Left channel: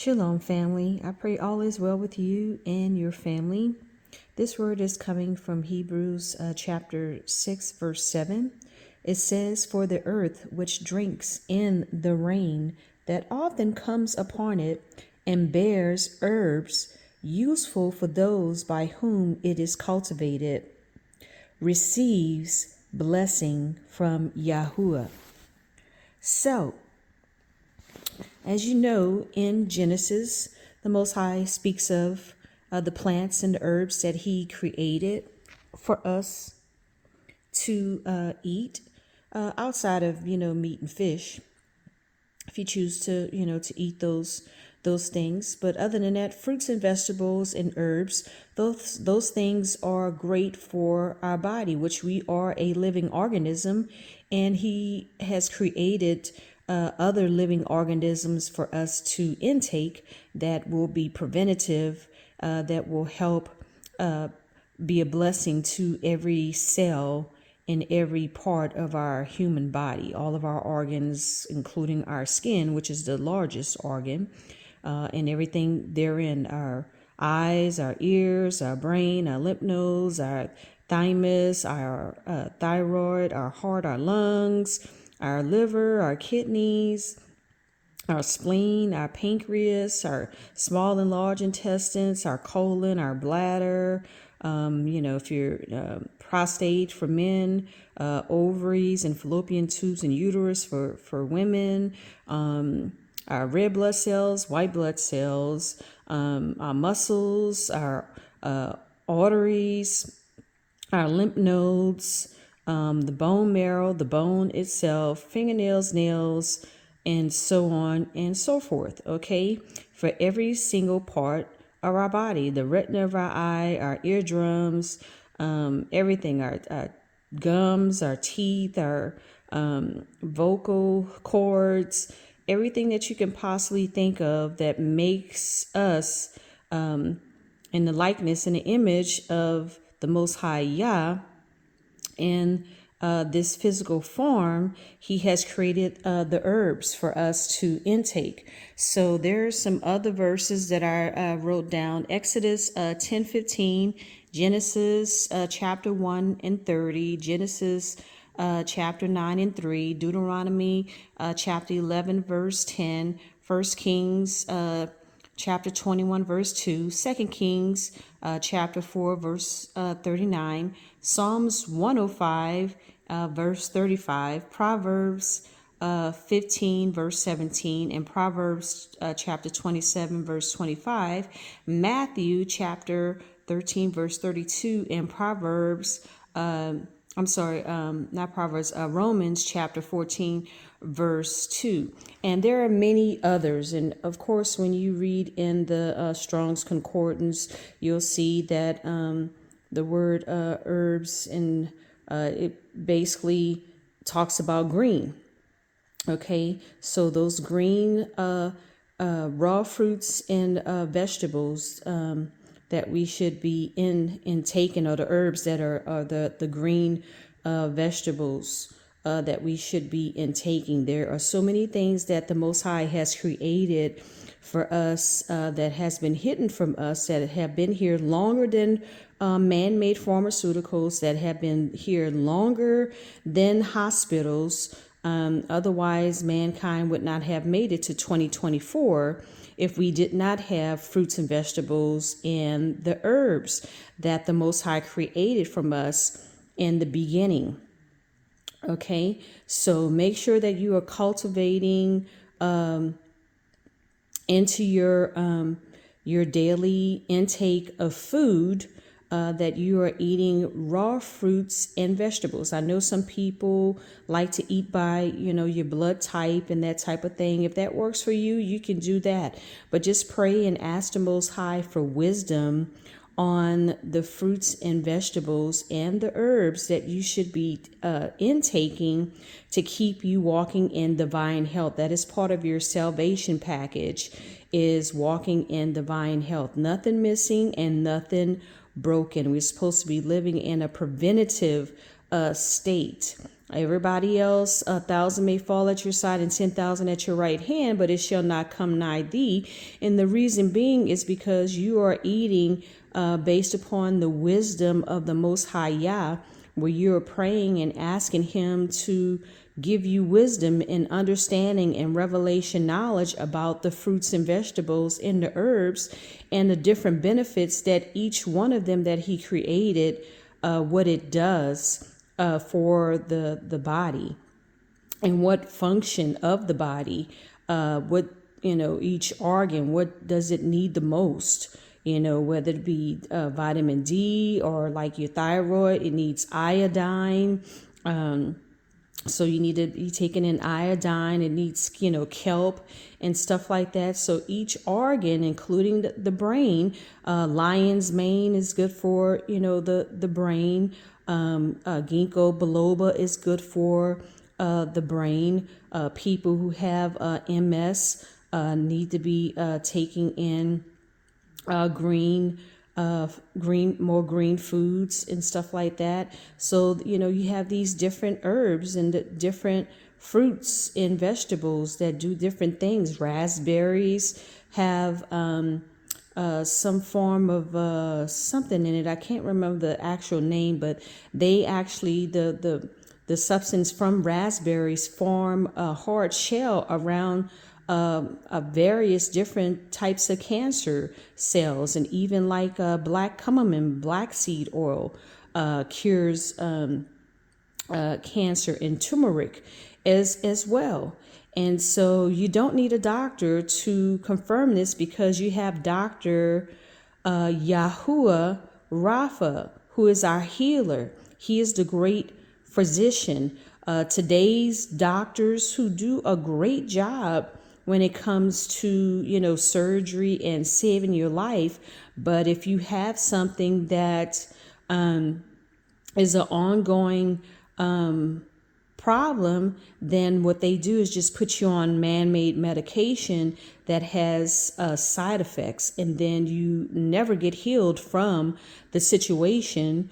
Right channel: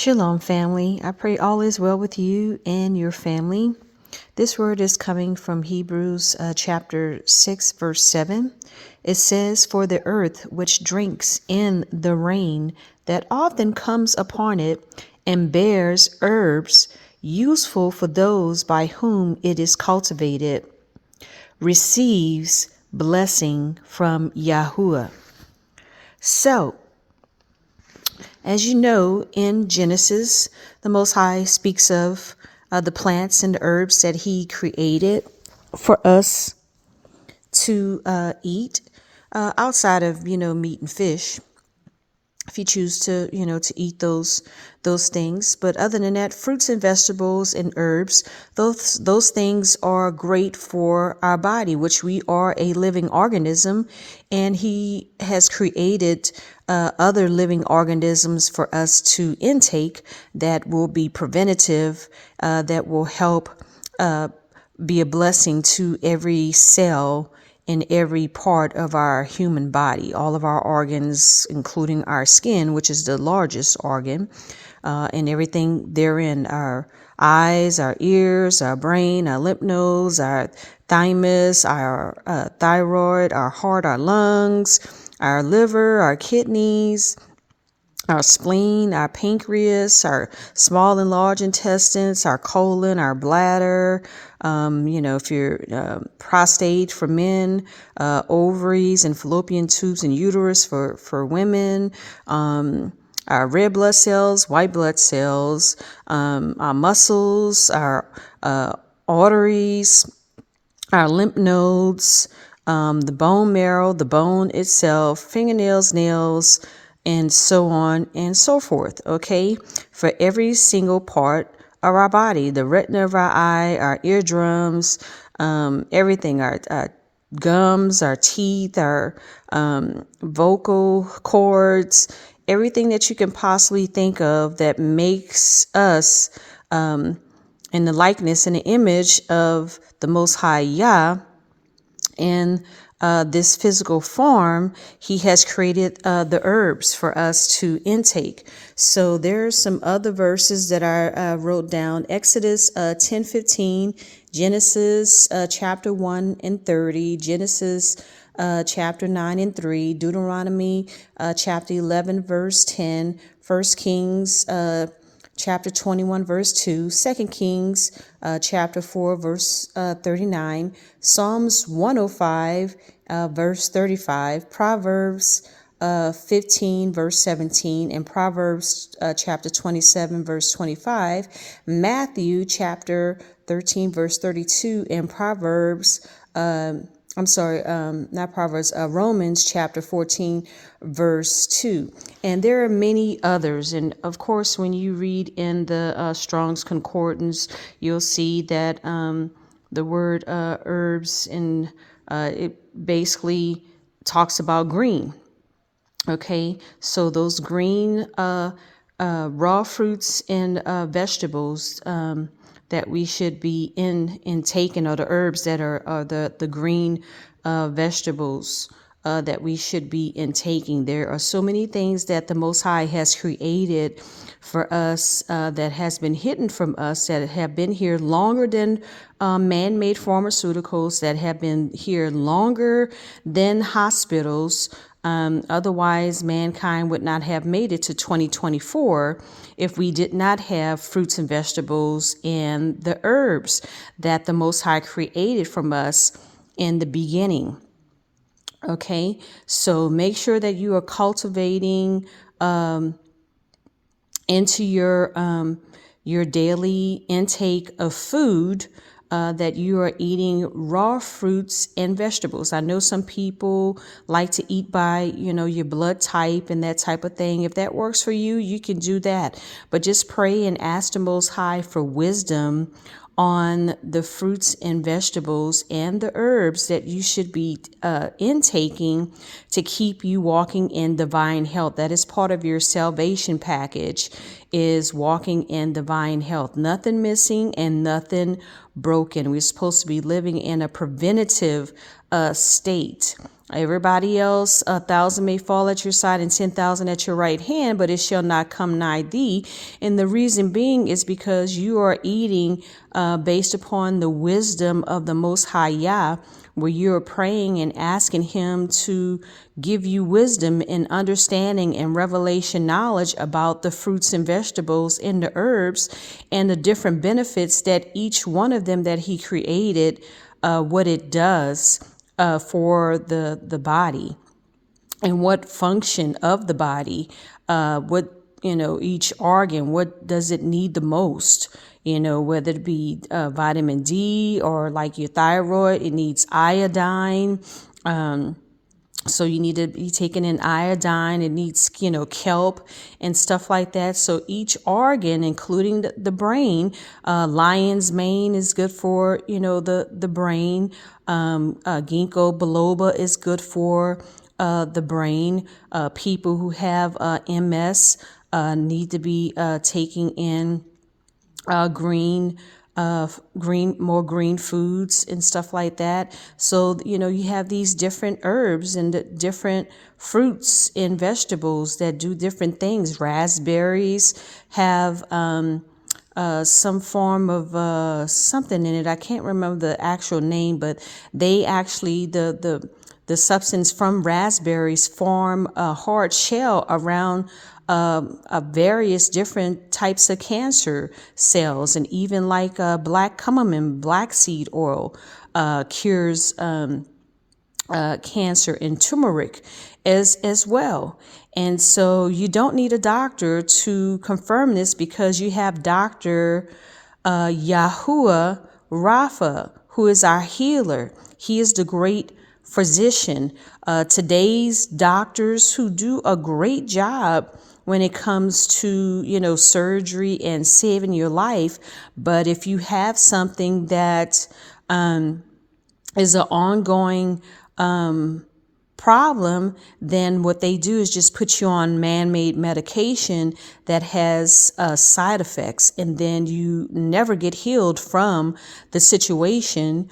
Shalom, family. I pray all is well with you and your family. This word is coming from Hebrews chapter 6, verse 7. It says, "For the earth which drinks in the rain that often comes upon it and bears herbs useful for those by whom it is cultivated, receives blessing from Yahuwah." So, as you know, in Genesis, the Most High speaks of the plants and the herbs that He created for us to eat, outside of meat and fish, if you choose to to eat those things. But other than that, fruits and vegetables and herbs, those things are great for our body, which we are a living organism, and He has created other living organisms for us to intake that will be preventative, that will help be a blessing to every cell in every part of our human body, all of our organs, including our skin, which is the largest organ, and everything therein: our eyes, our ears, our brain, our lymph nodes, our thymus, our thyroid, our heart, our lungs, our liver, our kidneys, our spleen, our pancreas, our small and large intestines, our colon, our bladder, if you're prostate for men, ovaries and fallopian tubes and uterus for women, our red blood cells, white blood cells, our muscles, our arteries, our lymph nodes, the bone marrow, the bone itself, fingernails, nails, and so on and so forth, okay? For every single part of our body, the retina of our eye, our eardrums, everything, our gums, our teeth, our vocal cords, everything that you can possibly think of that makes us in the likeness and the image of the Most High Yah. In this physical form, He has created the herbs for us to intake. So there are some other verses that I wrote down: Exodus 10:15, Genesis chapter 1 and 30, Genesis chapter 9 and 3, Deuteronomy chapter 11 verse 10, 1 Kings chapter 21 verse 2, 2 Kings chapter 4 verse 39, Psalms 105 verse 35, Proverbs 15 verse 17, and Proverbs chapter 27 verse 25, Matthew chapter 13 verse 32, and Proverbs not Proverbs, Romans chapter 14, verse 2. And there are many others. And of course, when you read in the Strong's Concordance, you'll see that the word herbs, and it basically talks about green. Okay, so those green raw fruits and vegetables that we should be intaking, or the herbs that are the green vegetables that we should be intaking. There are so many things that the Most High has created for us that has been hidden from us, that have been here longer than man-made pharmaceuticals, that have been here longer than hospitals. Otherwise, mankind would not have made it to 2024 if we did not have fruits and vegetables and the herbs that the Most High created from us in the beginning. Okay, so make sure that you are cultivating into your daily intake of food, that you are eating raw fruits and vegetables. I know some people like to eat by, your blood type and that type of thing. If that works for you, you can do that. But just pray and ask the Most High for wisdom on the fruits and vegetables and the herbs that you should be intaking to keep you walking in divine health. That is part of your salvation package, is walking in divine health. Nothing missing and nothing broken. We're supposed to be living in a preventative state. Everybody else, 1,000 may fall at your side and 10,000 at your right hand, but it shall not come nigh thee. And the reason being is because you are eating based upon the wisdom of the Most High Yah, where you're praying and asking Him to give you wisdom and understanding and revelation knowledge about the fruits and vegetables and the herbs and the different benefits that each one of them that He created, what it does for the body and what function of the body, what, each organ, what does it need the most, whether it be vitamin D or like your thyroid, it needs iodine. So you need to be taking in iodine. It needs, kelp and stuff like that. So each organ, including the brain, lion's mane is good for, the brain. Ginkgo biloba is good for the brain. People who have MS need to be taking in more green foods and stuff like that. So, you have these different herbs and the different fruits and vegetables that do different things. Raspberries have some form of something in it. I can't remember the actual name, but they actually, the substance from raspberries form a hard shell around various different types of cancer cells, and even like black cumin, black seed oil cures cancer, and turmeric as well. And so you don't need a doctor to confirm this, because you have Dr. Yahuwah Rapha, who is our healer. He is the great physician. Today's doctors who do a great job when it comes to, surgery and saving your life. But if you have something that is an ongoing problem, then what they do is just put you on man-made medication that has side effects, and then you never get healed from the situation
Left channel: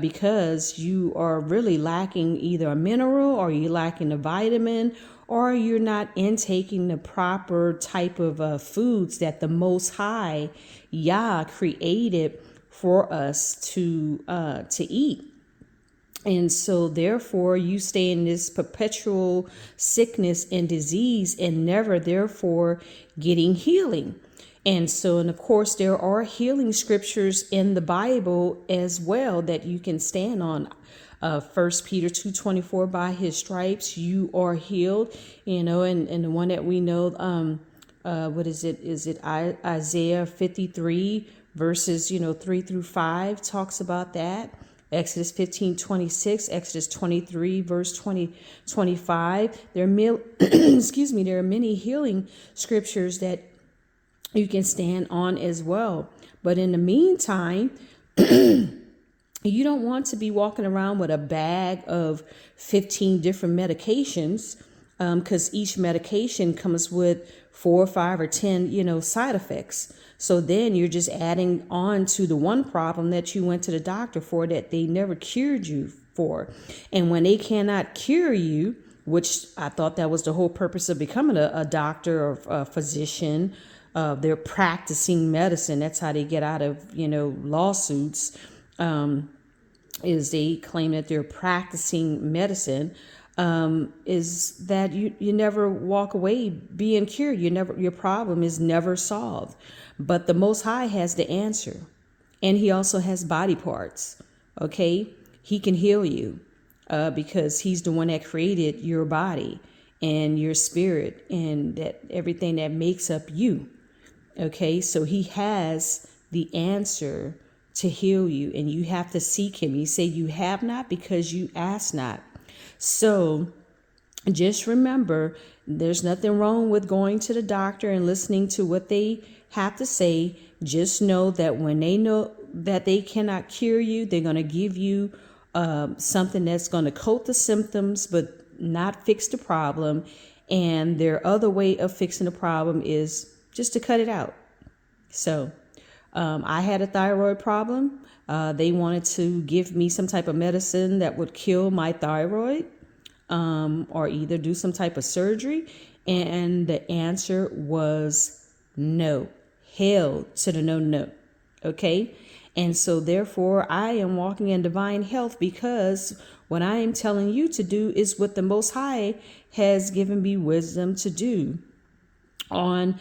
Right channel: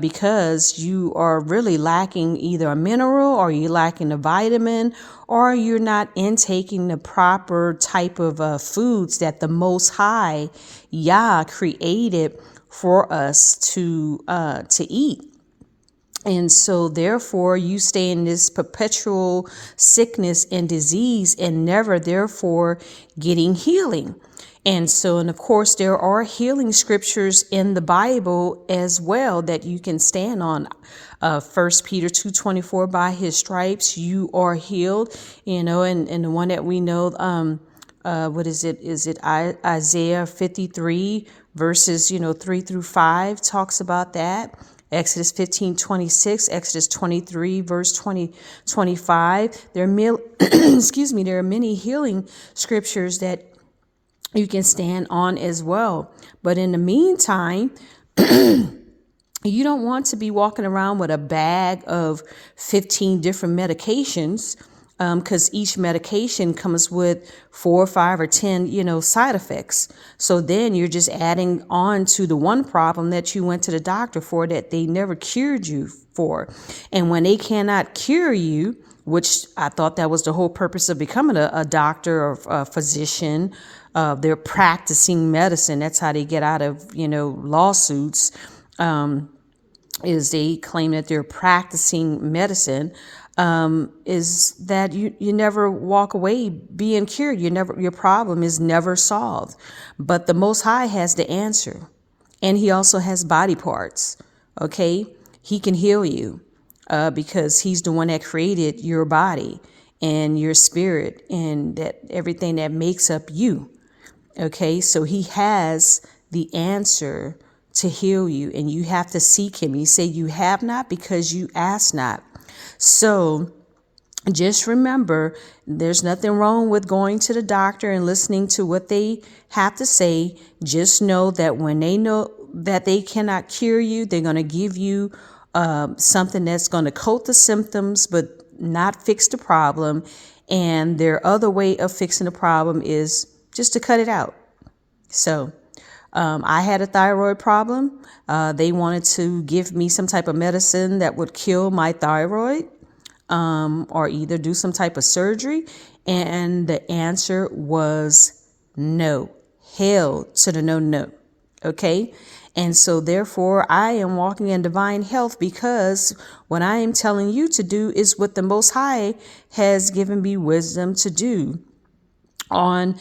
because you are really lacking either a mineral, or you're lacking a vitamin, or you're not intaking the proper type of foods that the Most High Yah created for us to eat. And so therefore you stay in this perpetual sickness and disease, and never therefore getting healing. And so, and of course, there are healing scriptures in the Bible as well that you can stand on. 1 Peter 2:24, by His stripes you are healed, and the one that we know, what is it? Is it Isaiah 53 verses, 3-5 talks about that. Exodus 15:26, Exodus 23, verse 25. There are there are many healing scriptures that you can stand on as well. But in the meantime, you don't want to be walking around with a bag of 15 different medications, because each medication comes with 4 or 5 or 10, side effects. So then you're just adding on to the one problem that you went to the doctor for, that they never cured you for. And when they cannot cure you, which I thought that was the whole purpose of becoming a doctor or a physician, they're practicing medicine. That's how they get out of, lawsuits, is they claim that they're practicing medicine. Is that you never walk away being cured. Your problem is never solved. But the Most High has the answer, and He also has body parts. Okay, He can heal you because He's the one that created your body and your spirit and that everything that makes up you. Okay, so He has the answer to heal you, and you have to seek Him. He said, "You have not because you ask not." So just remember, there's nothing wrong with going to the doctor and listening to what they have to say. Just know that when they know that they cannot cure you, they're going to give you something that's going to coat the symptoms but not fix the problem. And their other way of fixing the problem is just to cut it out. So I had a thyroid problem. They wanted to give me some type of medicine that would kill my thyroid, or either do some type of surgery. And the answer was no. Hell to the no, no. Okay. And so therefore I am walking in divine health, because what I am telling you to do is what the Most High has given me wisdom to do on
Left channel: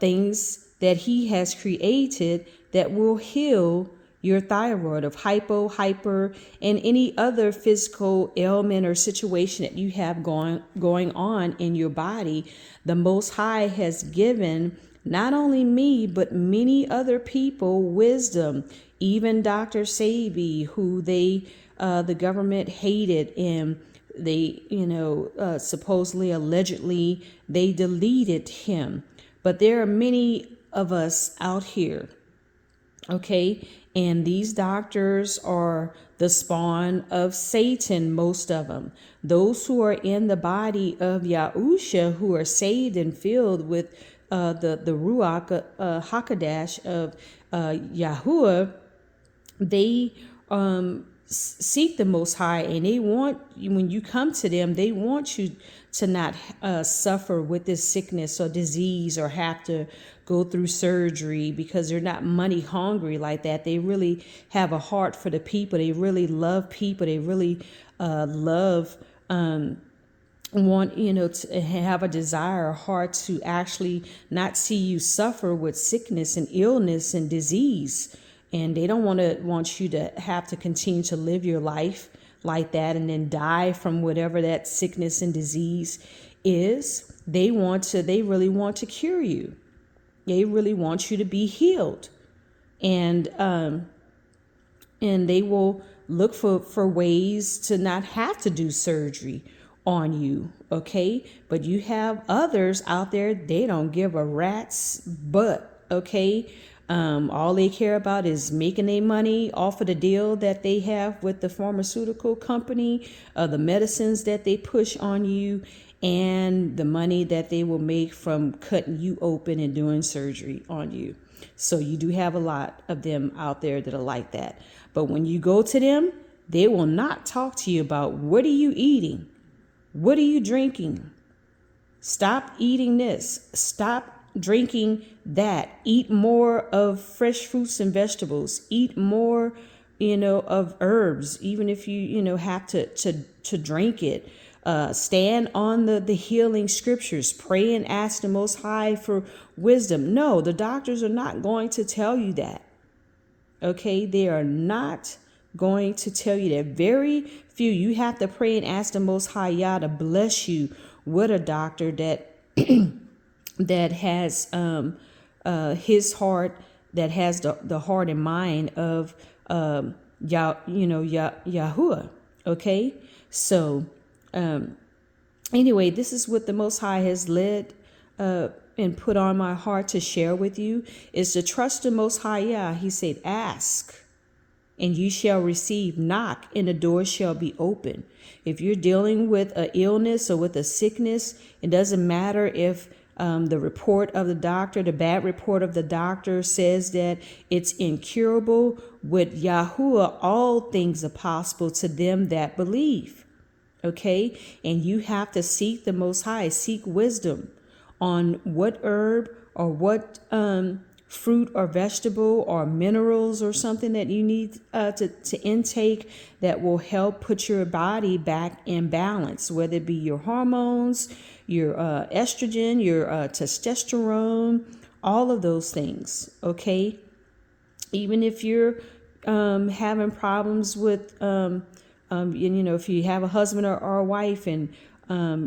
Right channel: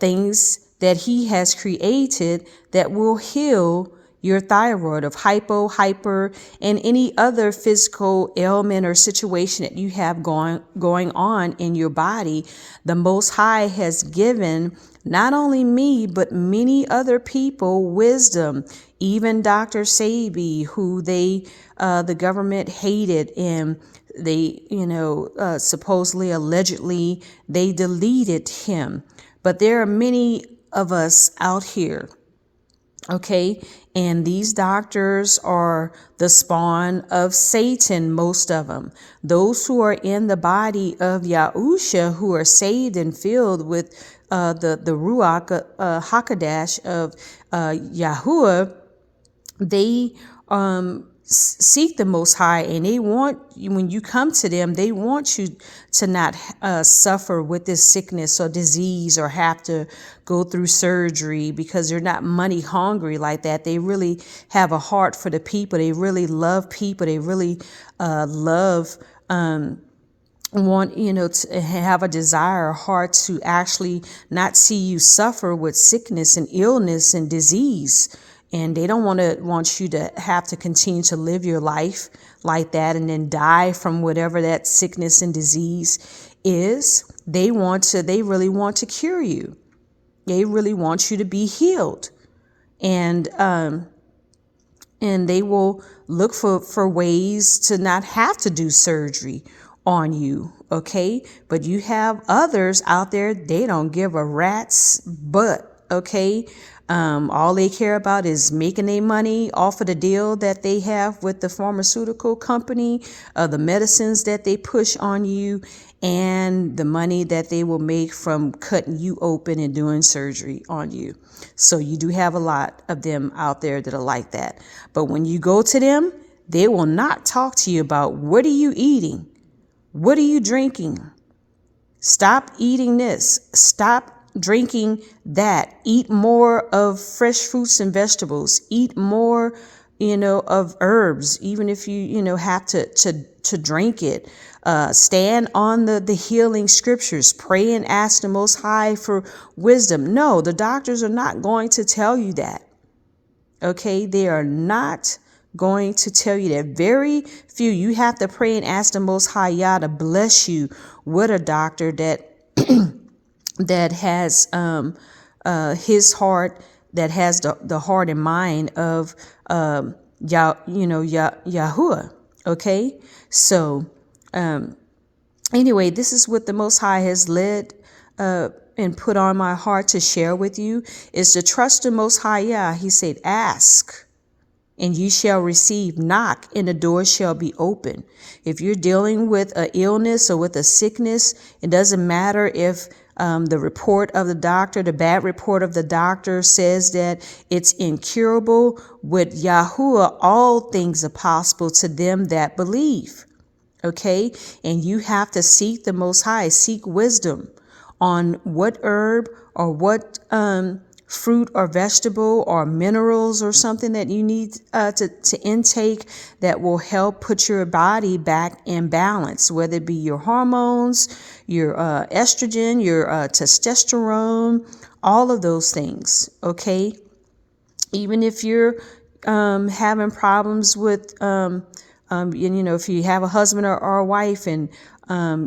things that he has created that will heal your thyroid of hypo, hyper, and any other physical ailment or situation that you have going on in your body. The Most High has given not only me, but many other people wisdom, even Dr. Sabi, who the government hated, and they, supposedly, allegedly, they deleted him. But there are many of us out here, okay? And these doctors are the spawn of Satan, most of them. Those who are in the body of Yahusha, who are saved and filled with the Ruach HaKodesh of Yahuwah, they seek the Most High, and they want, when you come to them, they want you to not suffer with this sickness or disease or have to go through surgery, because they're not money hungry like that. They really have a heart for the people. They really love people. They really want, to have a desire, a heart to actually not see you suffer with sickness and illness and disease. And they don't want you to have to continue to live your life like that and then die from whatever that sickness and disease is. They really want to cure you. They really want you to be healed. And they will look for ways to not have to do surgery on you. Okay. But you have others out there, they don't give a rat's butt. Okay. All they care about is making their money off of the deal that they have with the pharmaceutical company, the medicines that they push on you, and the money that they will make from cutting you open and doing surgery on you. So you do have a lot of them out there that are like that. But when you go to them, they will not talk to you about what are you eating? What are you drinking? Stop eating this. Stop drinking that. Eat more of fresh fruits and vegetables. Eat more, of herbs, even if you have to drink it. Stand on the healing scriptures. Pray and ask the Most High for wisdom. No, the doctors are not going to tell you that. Okay, they are not going to tell you that. Very few. You have to pray and ask the Most High Yah to bless you with a doctor that that has his heart, that has the heart and mind of Yahuwah. Okay, so anyway, this is what the Most High has led and put on my heart to share with you, is to trust the Most High Yah. He said, ask and you shall receive, knock and the door shall be open. If you're dealing with an illness or with a sickness, it doesn't matter if the report of the doctor, the bad report of the doctor says that it's incurable. With Yahuwah, all things are possible to them that believe. Okay. And you have to seek the Most High, seek wisdom on what herb or what fruit or vegetable or minerals or something that you need to intake that will help put your body back in balance, whether it be your hormones, your estrogen, your testosterone, all of those things. Okay. Even if you're having problems with, if you have a husband or a wife and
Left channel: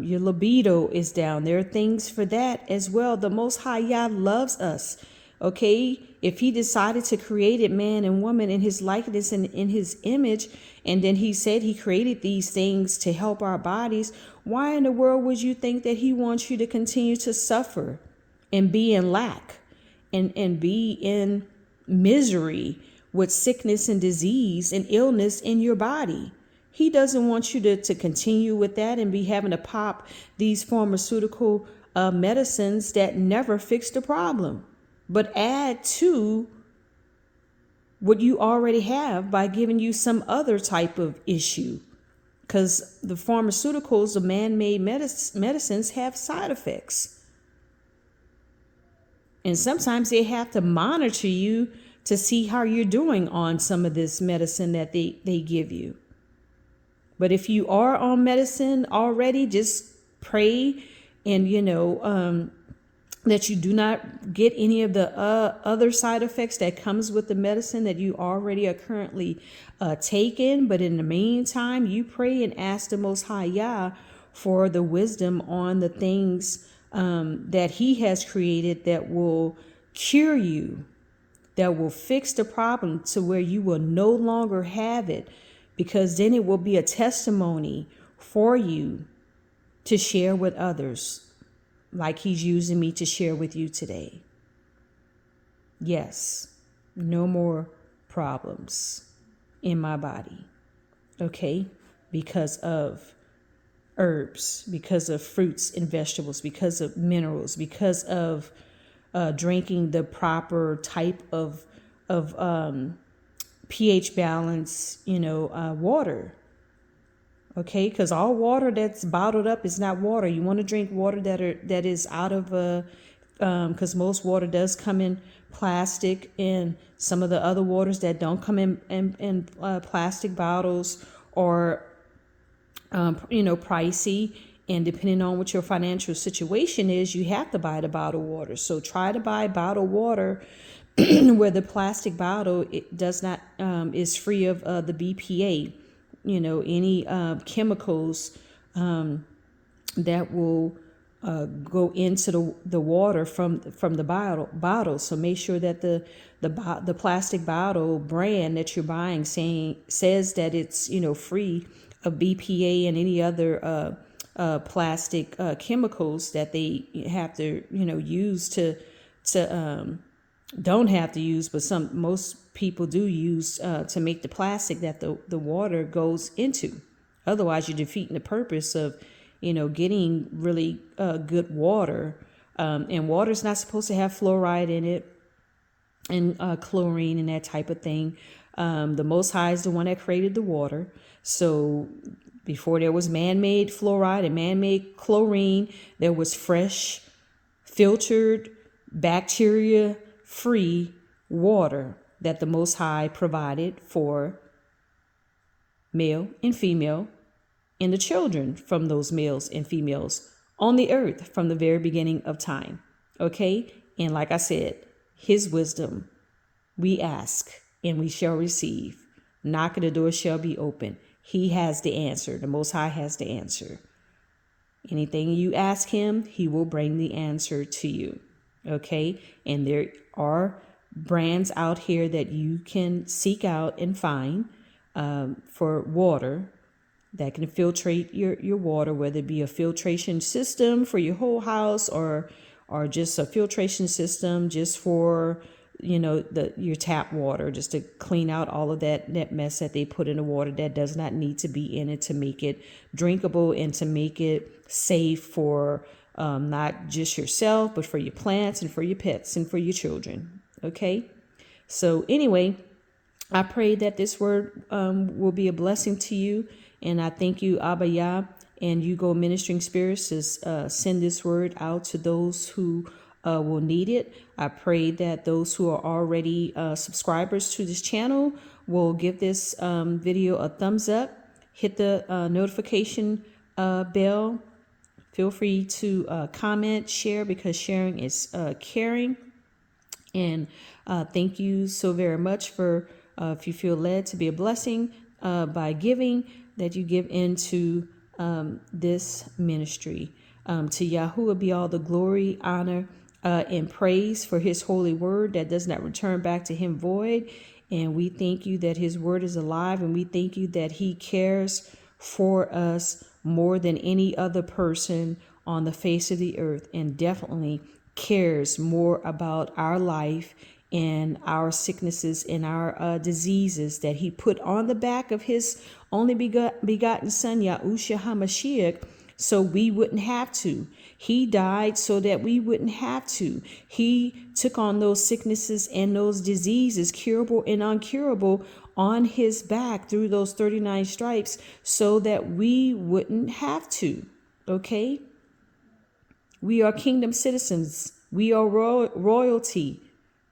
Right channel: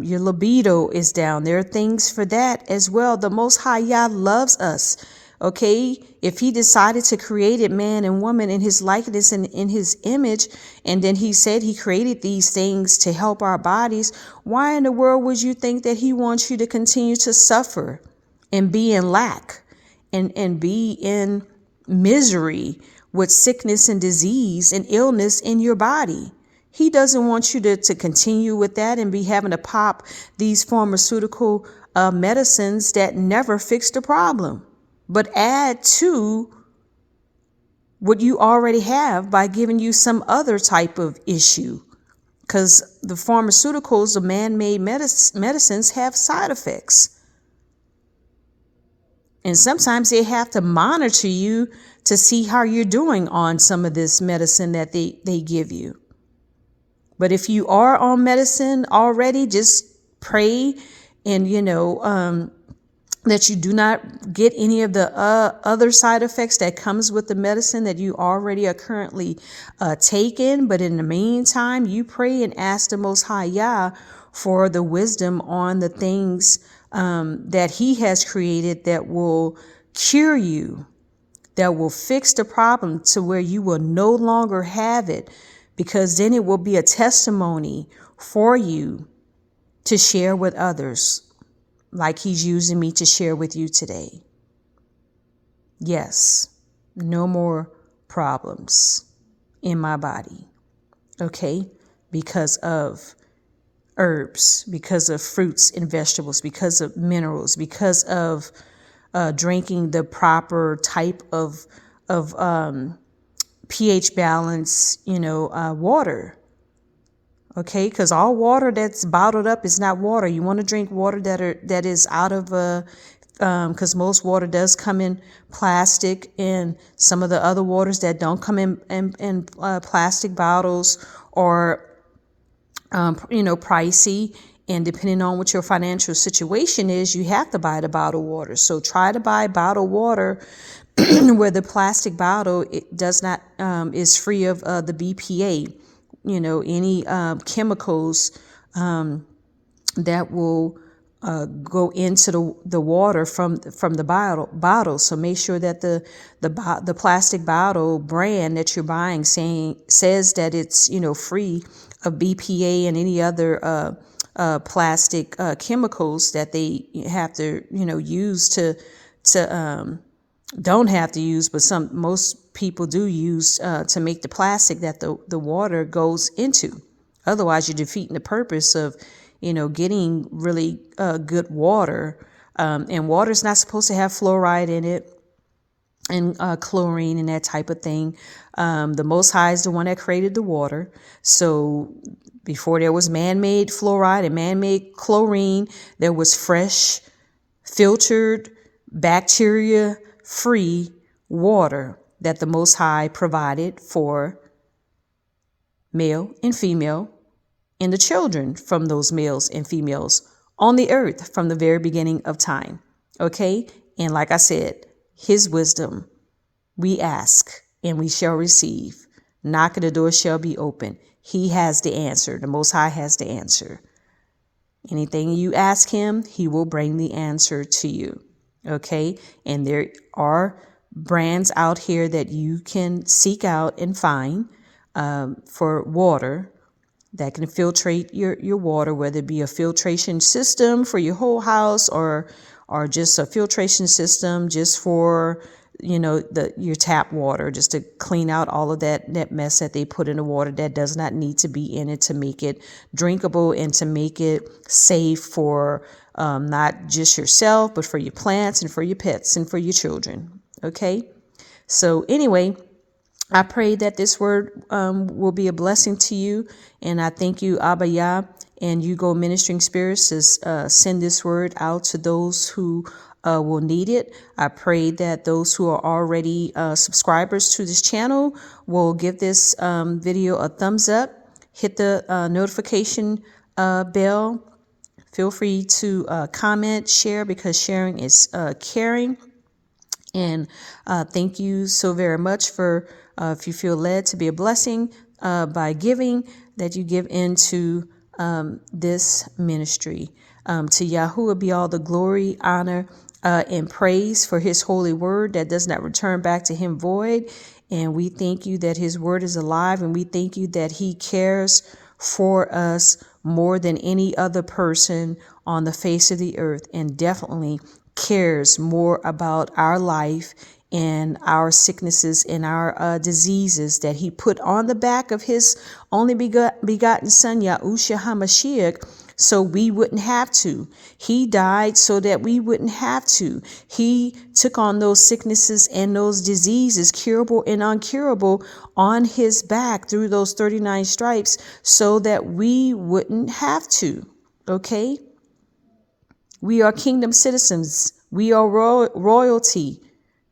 your libido is down, there are things for that as well. The Most High Yah loves us. Okay, if he decided to create it, man and woman, in his likeness and in his image, and then he said he created these things to help our bodies, why in the world would you think that he wants you to continue to suffer and be in lack and be in misery with sickness and disease and illness in your body? He doesn't want you to continue with that and be having to pop these pharmaceutical medicines that never fix the problem, but add to what you already have by giving you some other type of issue. Because the pharmaceuticals, the man-made medicines have side effects. And sometimes they have to monitor you to see how you're doing on some of this medicine that they give you. But if you are on medicine already, just pray and, that you do not get any of the other side effects that comes with the medicine that you already are currently taking. But in the meantime, you pray and ask the Most High Yah for the wisdom on the things that He has created that will cure you, that will fix the problem to where you will no longer have it, because then it will be a testimony for you to share with others, like He's using me to share with you today. Yes, no more problems in my body, okay? Because of herbs, because of fruits and vegetables, because of minerals, because of drinking the proper type of pH balance, water. Okay, because all water that's bottled up is not water. You want to drink water that is out of because most water does come in plastic, and some of the other waters that don't come in plastic bottles or pricey. And depending on what your financial situation is, you have to buy the bottled water. So try to buy bottled water where the plastic bottle it does not is free of the BPA. Any chemicals that will go into the water from the bottle. So make sure that the plastic bottle brand that you're buying says that it's free of BPA and any other plastic chemicals that they have to use to don't have to use, but most people do use to make the plastic that the water goes into. Otherwise, you're defeating the purpose of, getting really good water. And water is not supposed to have fluoride in it and chlorine and that type of thing. The Most High is the one that created the water. So before there was man-made fluoride and man-made chlorine, there was fresh, filtered, bacteria-free water that the Most High provided for male and female and the children from those males and females on the earth from the very beginning of time. Okay? And like I said, His wisdom we ask and we shall receive. Knock and the door shall be open. He has the answer. The Most High has the answer. Anything you ask Him, He will bring the answer to you. Okay? And there are brands out here that you can seek out and find for water that can filtrate your water, whether it be a filtration system for your whole house or just a filtration system just for your tap water, just to clean out all of that mess that they put in the water that does not need to be in it, to make it drinkable and to make it safe for not just yourself, but for your plants and for your pets and for your children. Okay. So anyway, I pray that this word will be a blessing to you. And I thank you, Abba Yah, and You Go Ministering Spirits, to send this word out to those who will need it. I pray that those who are already subscribers to this channel will give this video a thumbs up, hit the notification bell. Feel free to comment, share, because sharing is caring. And thank you so very much for if you feel led to be a blessing by giving, that you give into this ministry. To Yahuwah be all the glory, honor, and praise for His holy word that does not return back to Him void. And we thank You that His word is alive, and we thank You that He cares for us more than any other person on the face of the earth, and definitely cares more about our life and our sicknesses and our diseases that He put on the back of His only begotten Son, Yahushua HaMashiach, so we wouldn't have to. He died so that we wouldn't have to. He took on those sicknesses and those diseases, curable and uncurable, on his back through those 39 stripes so that we wouldn't have to. Okay? We are kingdom citizens. We are royalty.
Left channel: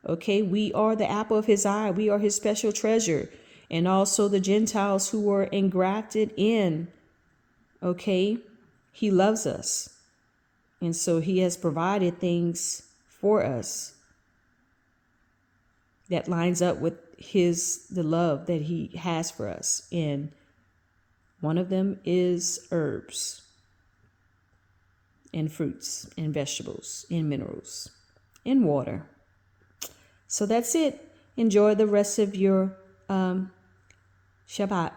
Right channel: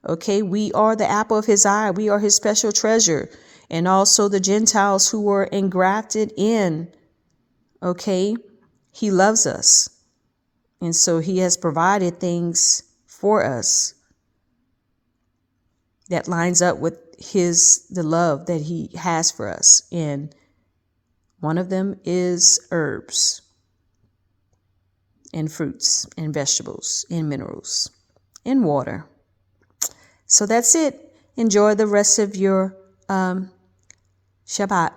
Okay? We are the apple of his eye. We are his special treasure. And also the Gentiles who were engrafted in. Okay? He loves us. And so he has provided things for us that lines up with the love that he has for us. And one of them is herbs and fruits and vegetables and minerals and water. So that's it. Enjoy the rest of your Shabbat.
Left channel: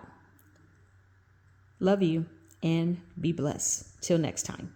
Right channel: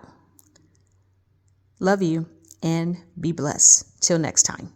Love you and be blessed. Till next time.